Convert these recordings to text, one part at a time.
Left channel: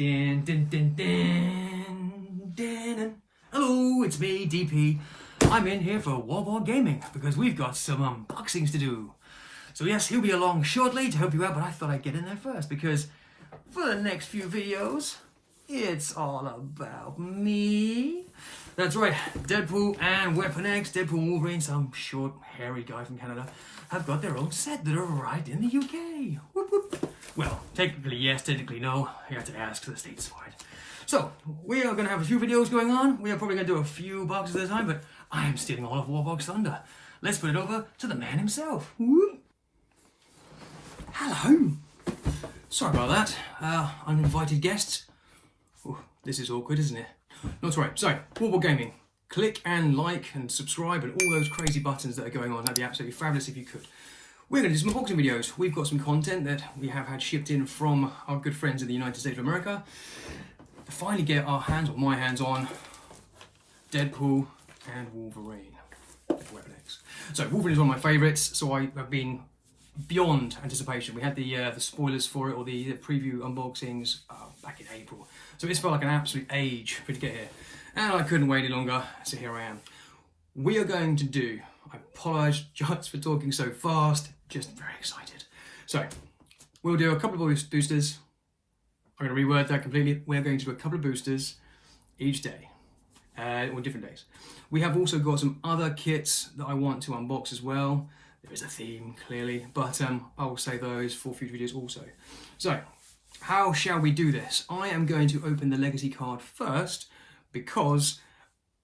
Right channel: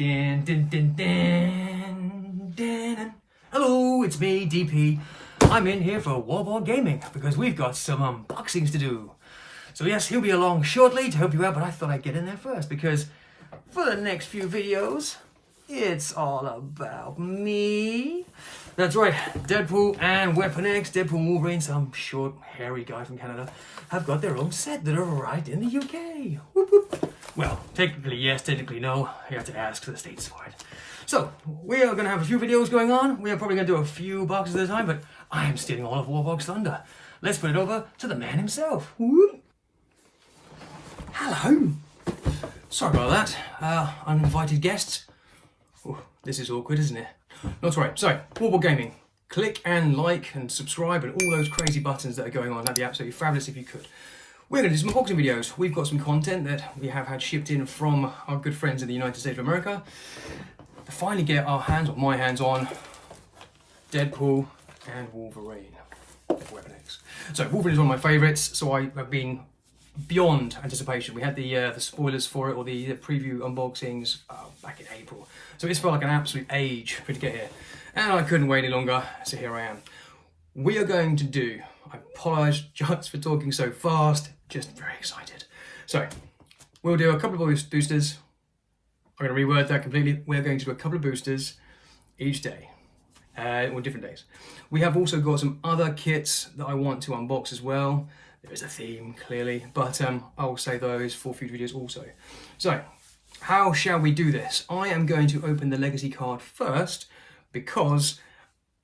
Din, din, din, din, din. Hello, it's me, DP. I'm in here for Warborg Gaming because we've got some unboxings to do. So yes, he'll be along shortly to help you out, but I thought I'd get in there first because for the next few videos, it's all about me. That's right, Deadpool and Weapon X, Deadpool and Wolverine, some short, hairy guy from Canada, have got their own set that arrived in the UK. Whoop, whoop. Well, technically yes, technically no. You have to ask the States for it. So, we are going to have a few videos going on. We are probably going to do a few boxes at a time, but I am stealing all of Warborg's thunder. Let's put it over to the man himself. Whoop. Hello. Sorry about that. Uninvited guests. Ooh, this is awkward, isn't it? Not right. So, Warborg Gaming. Click and like and subscribe and all those crazy buttons that are going on. That'd be absolutely fabulous if you could. We're going to do some unboxing videos. We've got some content that we have had shipped in from our good friends in the United States of America to finally get our hands, or my hands on, Deadpool and Wolverine. Weapon X. So Wolverine is one of my favourites, so I have been beyond anticipation. We had the spoilers for it, or the preview unboxings back in April. So it's felt like an absolute age for it to get here. And I couldn't wait any longer, so here I am. We are going to do, I apologise for talking so fast, just very excited. So, we'll do a couple of boosters. I'm going to reword that completely. We're going to do a couple of boosters each day, or different days. We have also got some other kits that I want to unbox as well. There is a theme, clearly, but I will save those for future videos also. So, how shall we do this? I am going to open the legacy card first because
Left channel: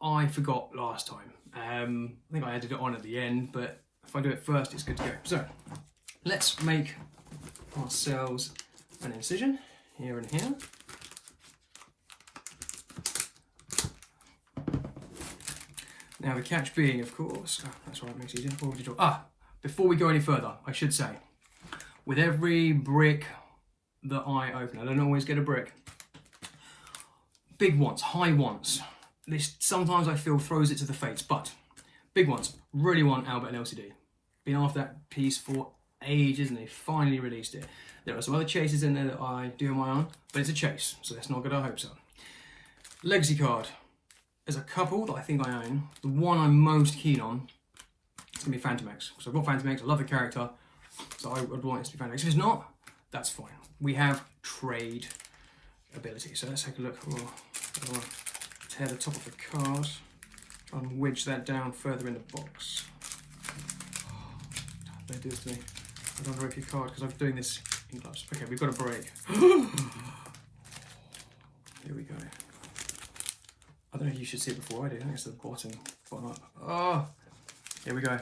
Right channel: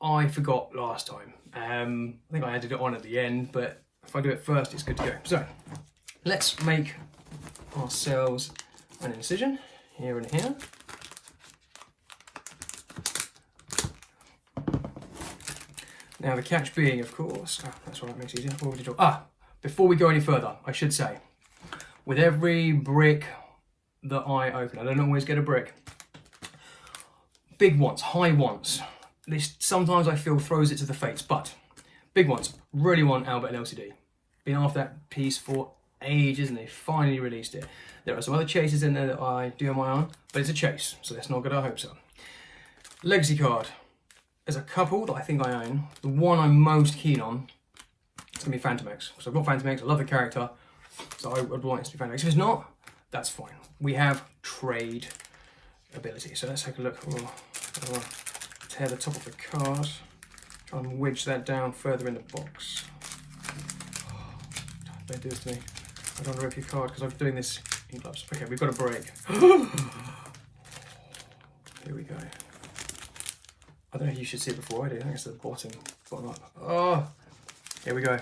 I forgot last time. I think I added it on at the end, but if I do it first, it's good to go. So, let's make ourselves an incision here and here. Now the catch being, of course, that's right, it makes it easier. Before we go any further, I should say, with every brick that I open, I don't always get a brick. Big ones, high ones. This sometimes I feel throws it to the fates, but big ones, really want Albert and LCD. Been after that piece for ages and they finally released it. There are some other chases in there that I do on my own, but it's a chase, so let's not get our hopes up. Legacy card. There's a couple that I think I own. The one I'm most keen on is going to be Phantom X. So I've got Phantom X, I love the character, so I would want it to be Phantom X. If it's not, that's fine. We have trade ability, so let's take a look. Oh, tear the top of the card, try and wedge that down further in the box. Don't do this to me. I don't want to rip your card because I'm doing this in gloves. Okay, we've got a break. Here we go. I don't know if you should see it before I do. I think it's the bottom up. Oh, here we go.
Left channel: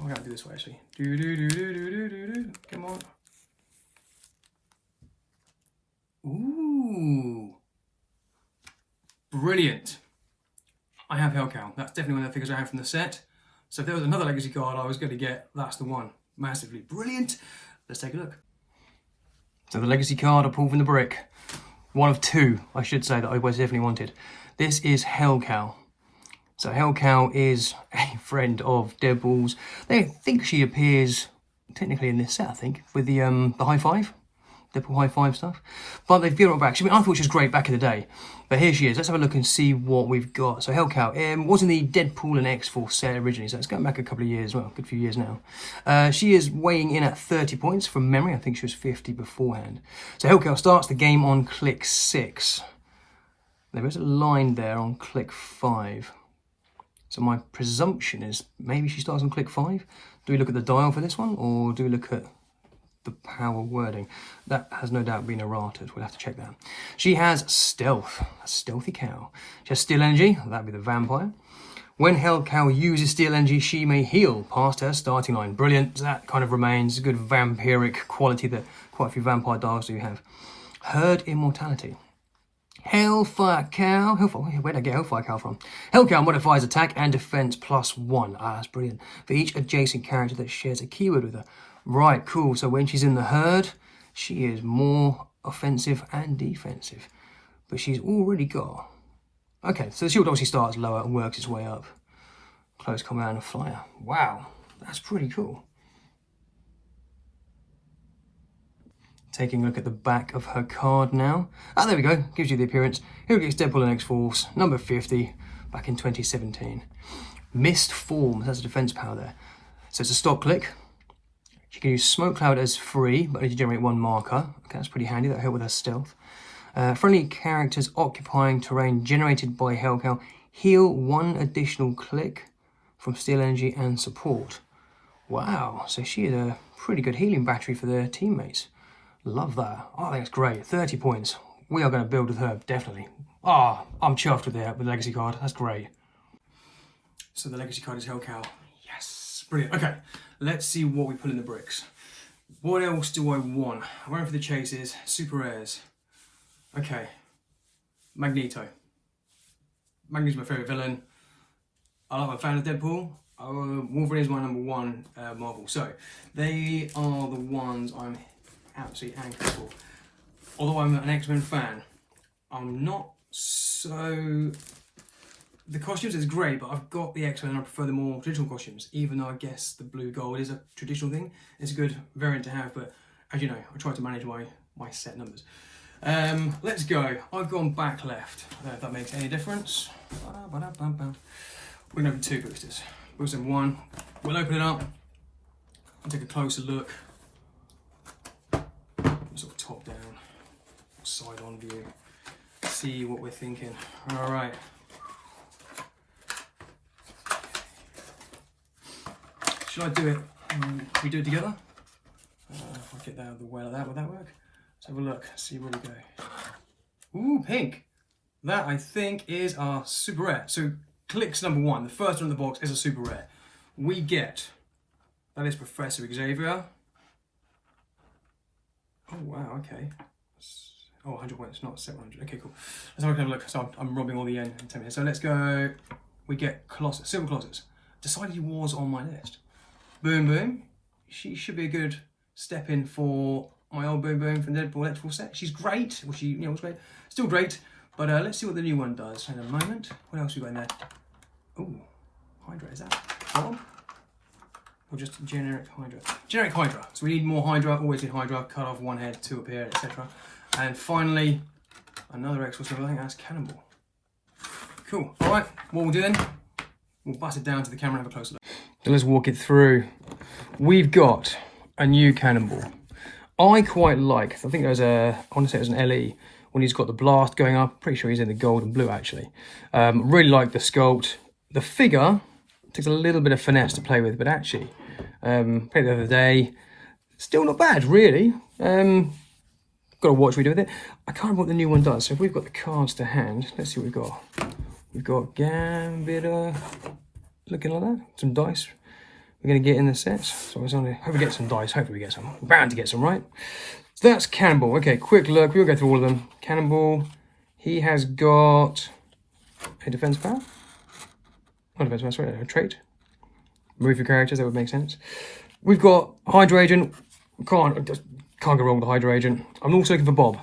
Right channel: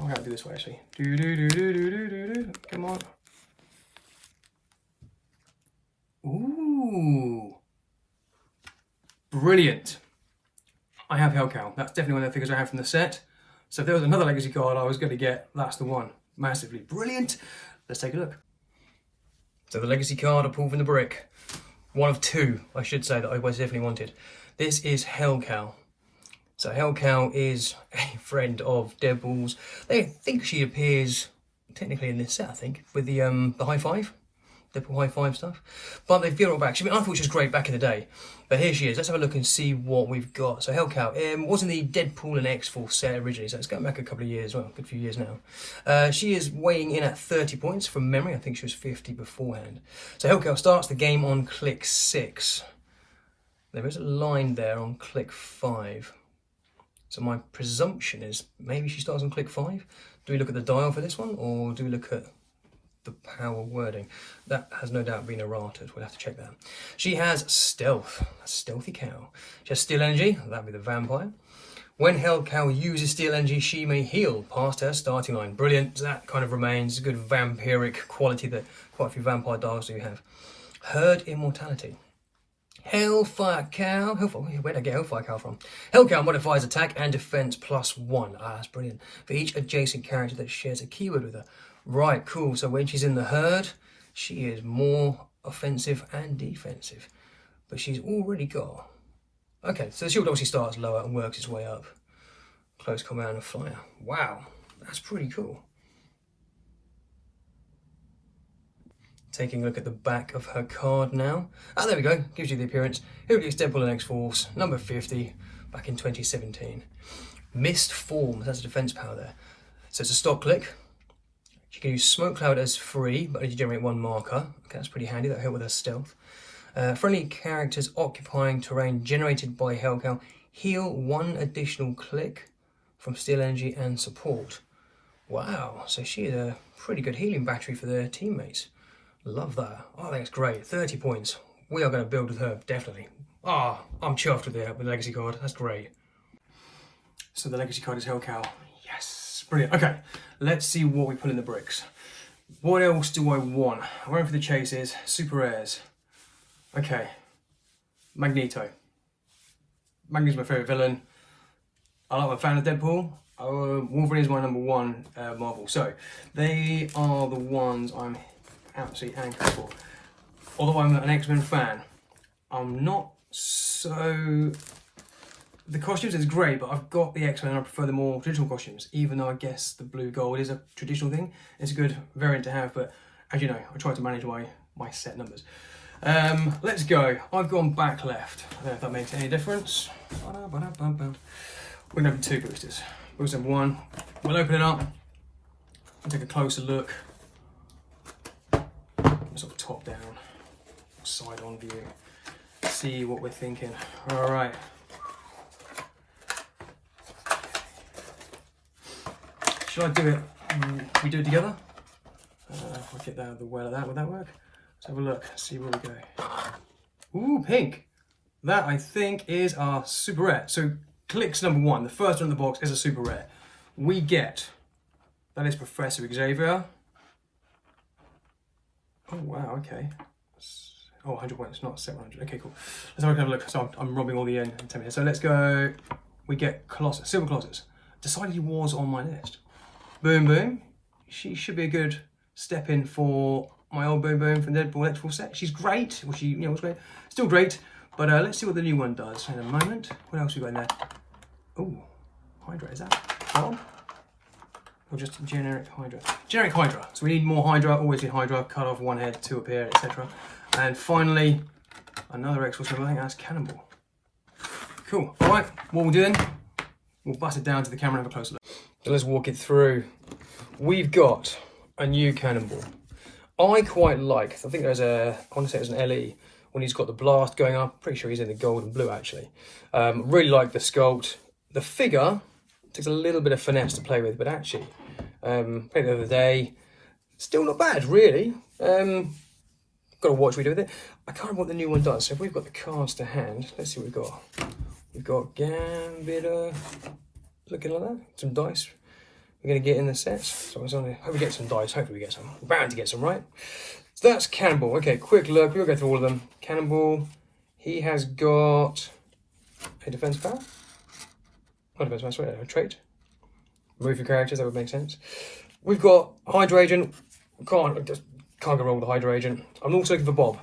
Oh, I gotta do this way actually. Come on. Ooh. Brilliant. I have Hellcow. That's definitely one of the figures I have from the set. So if there was another legacy card I was going to get, that's the one. Massively brilliant. Let's take a look. So the legacy card I pulled from the brick. One of two, I should say, that I definitely wanted. This is Hellcow. So Hellcow is a friend of Deadpool's. They think she appears technically in this set, I think, with the high five. Deadpool high five stuff, but they've given her back. I thought she was great back in the day, but here she is. Let's have a look and see what we've got. So Hellcow was in the Deadpool and X-Force set originally, so it's going back a couple of years, well, a good few years now. She is weighing in at 30 points from memory. I think she was 50 beforehand. So Hellcow starts the game on click 6. There is a line there on click 5. So my presumption is maybe she starts on click 5. Do we look at the dial for this one, or do we look at the power wording? That has no doubt been errated. We'll have to check that. She has stealth, a stealthy cow. She has steel energy, that'd be the vampire. When Hellcow uses steel energy, she may heal past her starting line. Brilliant. That kind of remains a good vampiric quality that quite a few vampire dogs do have. Herd immortality. Hellfire Cow. Where did I get Hellfire Cow from? Hellcow modifies attack and defense +1. That's brilliant. For each adjacent character that shares a keyword with her. Right, cool. So when she's in the herd, she is more offensive and defensive. But she's already got... Okay, so the shield obviously starts lower and works its way up. Close combat and fire. Wow, that's pretty cool. Taking a look at the back of her card now. Ah, there we go. Gives you the appearance. Heroclix, Deadpool and X-Force, number 50, back in 2017. Mist Form, that's a defense power there. So it's a stock click. She can use Smoke Cloud as free, but only generate one marker. Okay, that's pretty handy. That'll help with her stealth. Friendly characters occupying terrain generated by Hellcow heal one additional click from Steel Energy and support. Wow, so she is a pretty good healing battery for their teammates. Love that. Oh, that's great. 30 points. We are going to build with her, definitely. Ah, I'm chuffed with the legacy card. That's great. So the legacy card is Hellcow. Yes, brilliant. Okay, let's see what we put in the bricks. What else do I want? I'm going for the chases, super rares. Okay, Magneto. Magneto's my favourite villain. I'm a fan of Deadpool. Wolverine is my number one Marvel. So they are the ones I'm absolutely anchored for. Although I'm an X-Men fan, I'm not so... The costumes is great, but I've got the X-Men and I prefer the more traditional costumes, even though I guess the blue gold is a traditional thing. It's a good variant to have, but as you know, I try to manage my set numbers. Let's go. I've gone back left. I don't know if that makes any difference. We're going to have 2 boosters. Booster number 1. We'll open it up and take a closer look. Sort of top down, side on view. See what we're thinking. All right. Should I do it? We do it together? If I get that out of the way like that, would that work? Let's have a look, see where we go. Ooh, pink. That I think is our super rare. So Clicks number 1, the first one in the box is a super rare. We get, that is Professor Xavier. Oh wow, okay. Oh, 100 points, not 700. Okay, cool. Let's have a look. So I'm robbing all the in 10 minutes. So let's go. We get Colossus, Silver Colossus. Decided he was on my list. Boom Boom. She should be a good step in for my old Boom Boom from the Deadpool electrical set. She's great. Well, she was great. Still great. But let's see what the new one does in a moment. What else we got in there? Oh, Hydra. Is that Bob? Or just generic Hydra? Generic Hydra. So we need more Hydra. Always need Hydra. Cut off one head, 2 appear, etc. And finally, another X-Force. I think that's Cannonball. Cool. All right. What we'll do then? We'll bust it down to the camera and have a closer look. So let's walk it through. We've got a new Cannonball. I quite like, I think there's a, I want to say it was an LE, when he's got the blast going up. Pretty sure he's in the gold and blue actually. Really like the sculpt. The figure takes a little bit of finesse to play with, but actually, played it the other day, still not bad really. Got to watch what we do with it. I can't remember what the new one does. So if we've got the cards to hand, let's see what we've got. We've got Gambit, looking like that. Some dice. We're going to get in the sets. So I was only, hope we get some dice. Hopefully we get some. We're bound to get some, right? So that's Cannonball. Okay, quick look. We'll go through all of them. Cannonball. He has got a defense power. Not defense power, sorry, a trait. Move your characters, that would make sense. We've got Hydra Agent. Can't go wrong with the Hydra Agent. I'm also looking for Bob.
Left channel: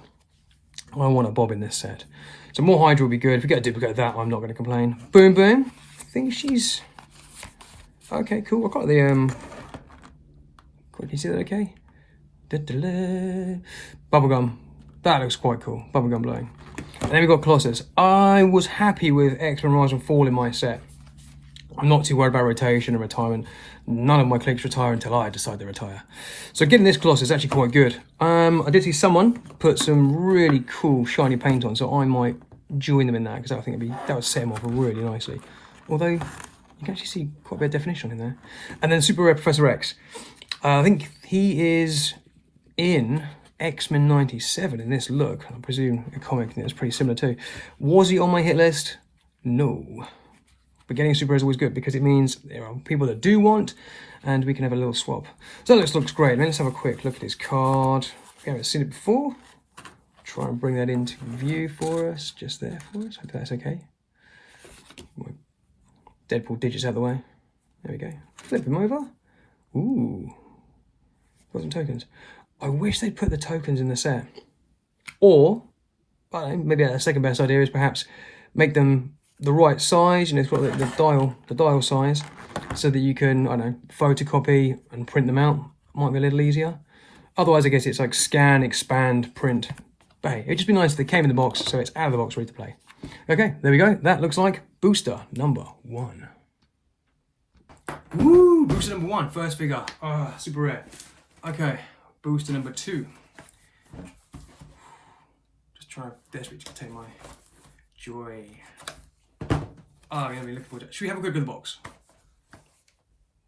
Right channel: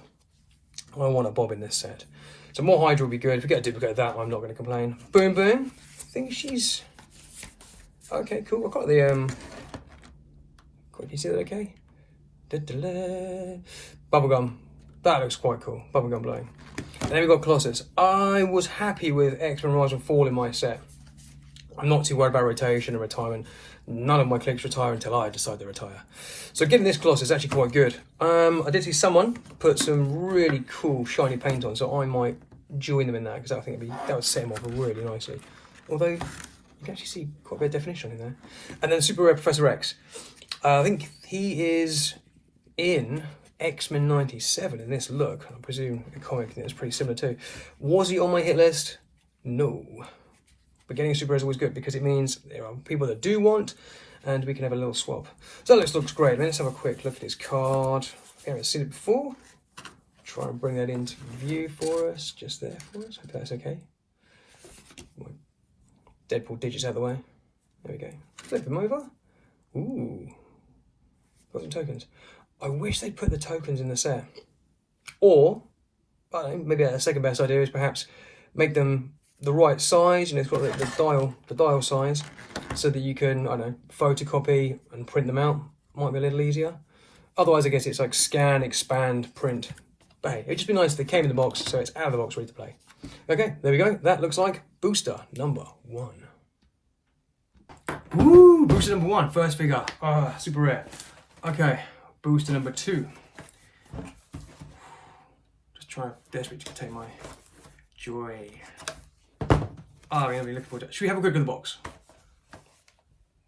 I want a Bob in this set. So more Hydra would be good. If we get a duplicate of that, I'm not going to complain. Boom Boom. I think she's... Okay, cool. I've got the... Can you see that okay? Bubblegum. That looks quite cool. Bubblegum blowing. And then we've got Colossus. I was happy with X-Men Rise and Fall in my set. I'm not too worried about rotation or retirement. None of my clicks retire until I decide to retire. So getting this Colossus is actually quite good. I did see someone put some really cool shiny paint on, so I might join them in that because I think that would set him off really nicely. Although you can actually see quite a bit of definition in there. And then Super Rare Professor X. I think he is in X-Men 97 in this look. I presume a comic that was pretty similar too. Was he on my hit list? No. But getting a Super Rare is always good because it means there are people that do want, and we can have a little swap. So that looks great. Let's have a quick look at his card. We haven't seen it before. Try and bring that into view for us, just there for us. Hope that's okay. Deadpool digits out of the way. There we go. Flip him over. Ooh. Got some tokens. I wish they'd put the tokens in the set. Or, I don't know, maybe the second best idea is perhaps make them the right size. You know, it's got the dial size, so that you can, I don't know, photocopy and print them out. Might be a little easier. Otherwise, I guess it's like scan, expand, print. But hey, it'd just be nice if they came in the box, so it's out of the box, ready to play. Okay, there we go. That looks like booster number 1. Woo! Booster number 1, first figure. Ah, super rare. Okay, booster number 2. Just trying desperately to contain my joy. Oh, I'm gonna be looking forward to it. Should we have a quick look at the box?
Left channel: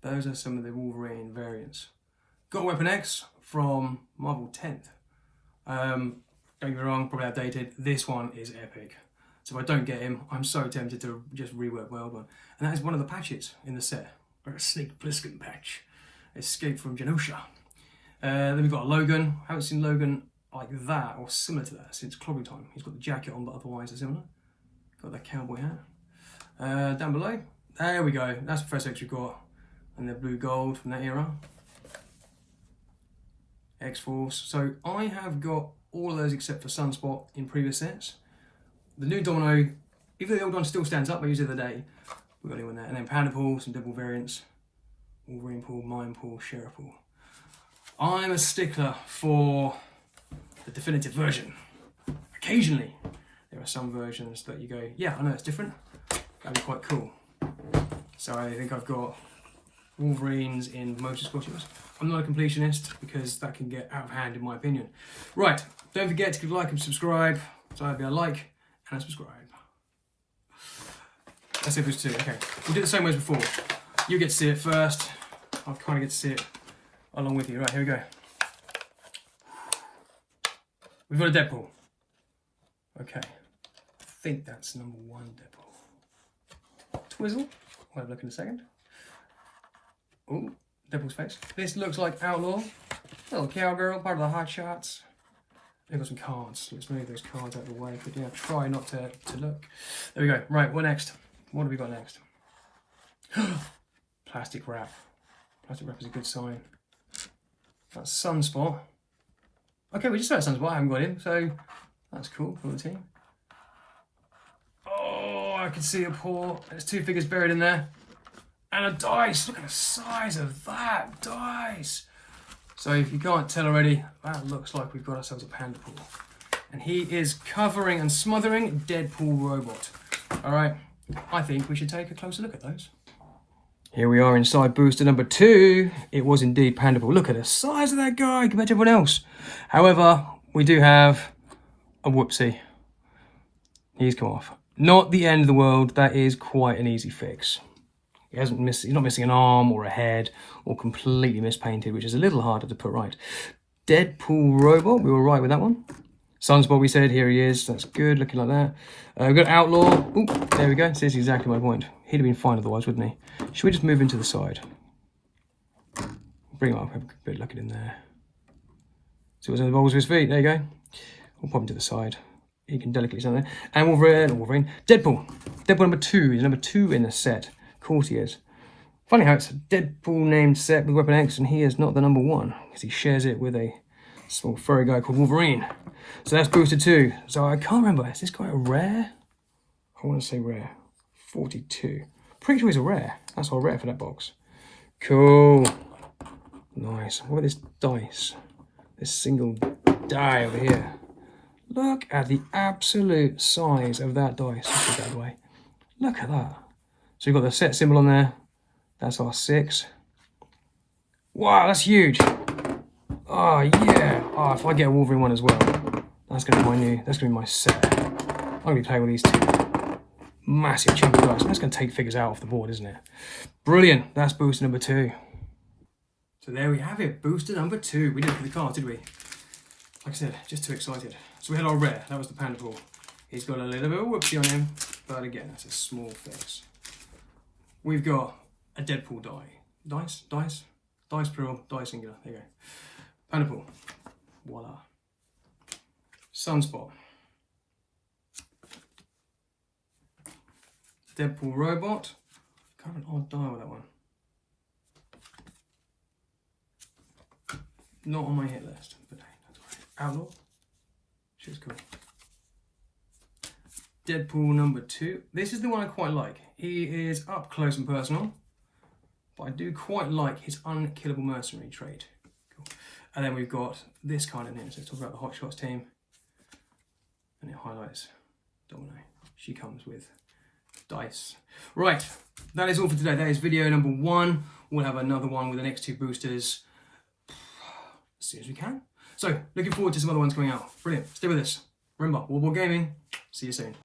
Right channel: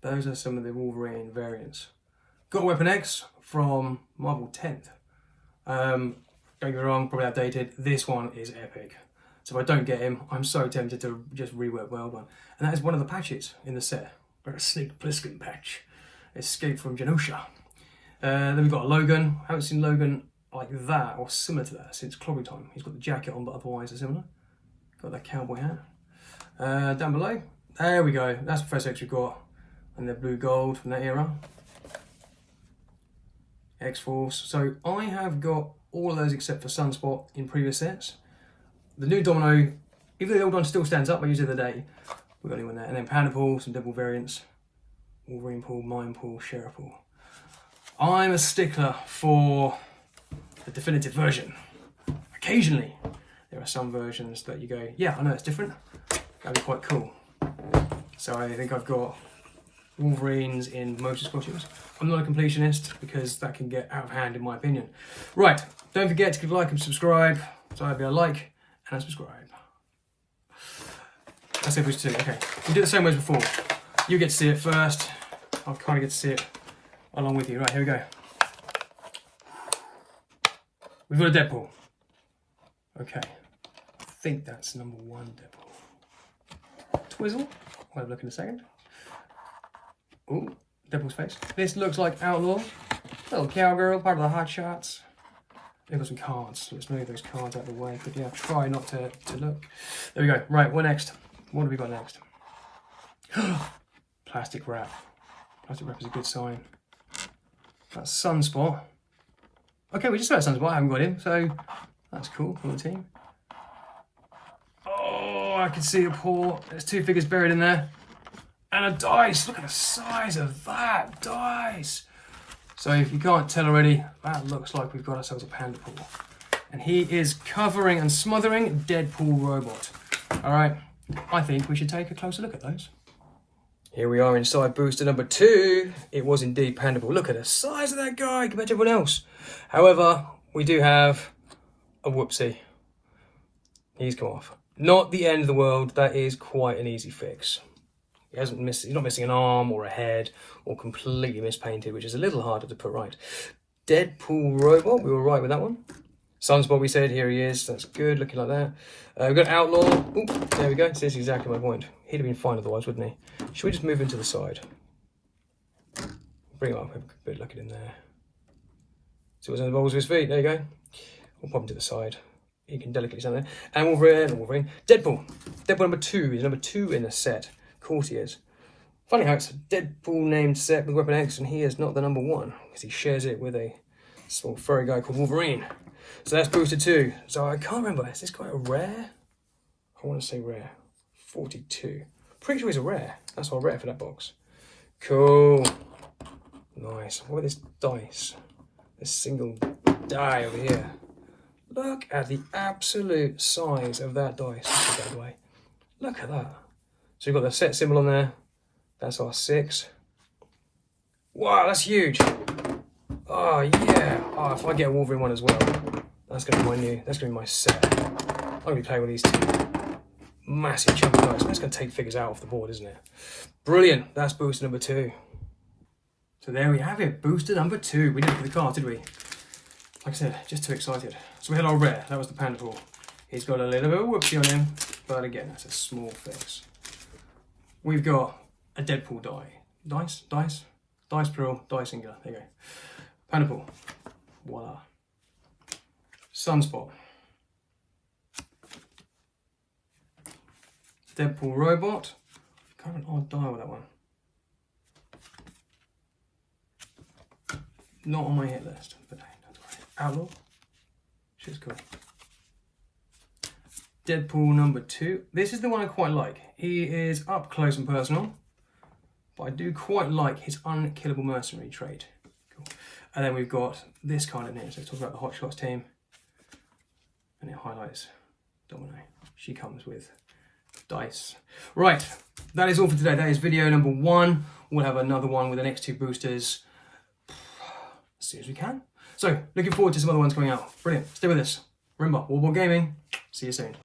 Those are some of the Wolverine variants. Got Weapon X from Marvel 10th. Don't get me wrong, probably outdated. This one is epic. So if I don't get him, I'm so tempted to just rework World One. And that is one of the patches in the set. Like a Snake Plissken patch. Escape from Genosha. Then we've got a Logan. I haven't seen Logan like that or similar to that since Clobbing Time. He's got the jacket on, but otherwise they're similar. Got that cowboy hat. Down below, there we go. That's the first X we've got. And the blue gold from that era. X-Force. So I have got all of those except for Sunspot in previous sets. The new Domino, even though the old one still stands up, I used it the other day. We've got anyone there. And then Panda Pool, some Deadpool variants. Wolverine Pool, Mime Pool, Sheriff Pool. I'm a stickler for the definitive version. Occasionally, there are some versions that you go, yeah, I know it's different. That'd be quite cool. So I think I've got Wolverines in most costumes. I'm not a completionist because that can get out of hand in my opinion. Right, don't forget to give a like and subscribe. So that'd be a like and a subscribe. That's it, booster 2. Okay, we'll do it the same way as before. You get to see it first. I'll kind of get to see it along with you. Right, here we go. We've got a Deadpool. Okay, I think that's number 1 Deadpool. Twizzle. I'll have a look in a second. Oh, Deadpool's face. This looks like Outlaw. Little cowgirl, part of the Hot Shots. They've got some cards. Let's move those cards out of the way. But yeah, try not to look. There we go. Right, what next? What have we got next? Plastic wrap. Plastic wrap is a good sign. That's Sunspot. Okay, we just saw Sunspot. I haven't got him, so that's cool for the team. Oh, I can see a paw. There's 2 figures buried in there. And a dice. Look at the size of that dice. So if you can't tell already, that looks like we've got ourselves a Panda Pool. And he is covering and smothering Deadpool robot. All right, I think we should take a closer look at those. Here we are inside booster number 2. It was indeed Panda Pool. Look at the size of that guy compared to everyone else. However, we do have a whoopsie. He's come off. Not the end of the world. That is quite an easy fix. He's not missing an arm or a head or completely mispainted, which is a little harder to put right. Deadpool robot, we were right with that one. Sunspot, we said, here he is. That's good, looking like that. We've got Outlaw. Ooh, there we go. This is exactly my point. He'd have been fine otherwise, wouldn't he? Should we just move him to the side? Bring him up, have a bit of look at him there. See what's on the balls of his feet. There you go. We'll pop him to the side. He can delicately stand there. And Wolverine. Deadpool. Deadpool number 2. He's number 2 in the set. Of course he is. Funny how it's a Deadpool named set with Weapon X and he is not the number 1 because he shares it with a small furry guy called Wolverine. So that's booster 2. So I can't remember, is this quite a rare? I want to say rare. 42. Pretty sure he's a rare. That's all rare for that box. Cool. Nice. What about this dice? This single die over here. Look at the absolute size of that dice. Let's put that away. Look at that. So you've got the set symbol on there. That's our 6. Wow, that's huge. Oh yeah. Oh, if I get a Wolverine one as well, that's gonna be my new. That's gonna be my set. I'm gonna be playing with these 2 massive chunk of dice. That's gonna take figures out off the board, isn't it? Brilliant. That's booster number 2. So there we have it. Booster number 2. We didn't put the card, did we? Like I said, just too excited. So we had our rare. That was the Panda Pool. He's got a little bit of a whoopsie on him, but again, that's a small fix. We've got a Deadpool die. Dice plural, die singular. There you go. Panda Pool. Voila. Sunspot. Deadpool robot. Kind of an odd die with that one. Not on my hit list, but hey, that's all right. Outlaw. Shit's cool. Deadpool number 2. This is the one I quite like. He is up close and personal, but I do quite like his unkillable mercenary trait. cool. And then we've got this card in here. So let's talk about the Hot Shots team. And it highlights Domino. She comes with dice. Right, that is all for today. That is video number 1. We'll have another one with the next 2 boosters as soon as we can. So, looking forward to some other ones coming out. Brilliant. Stay with us. Remember, Warborg Gaming. See you soon.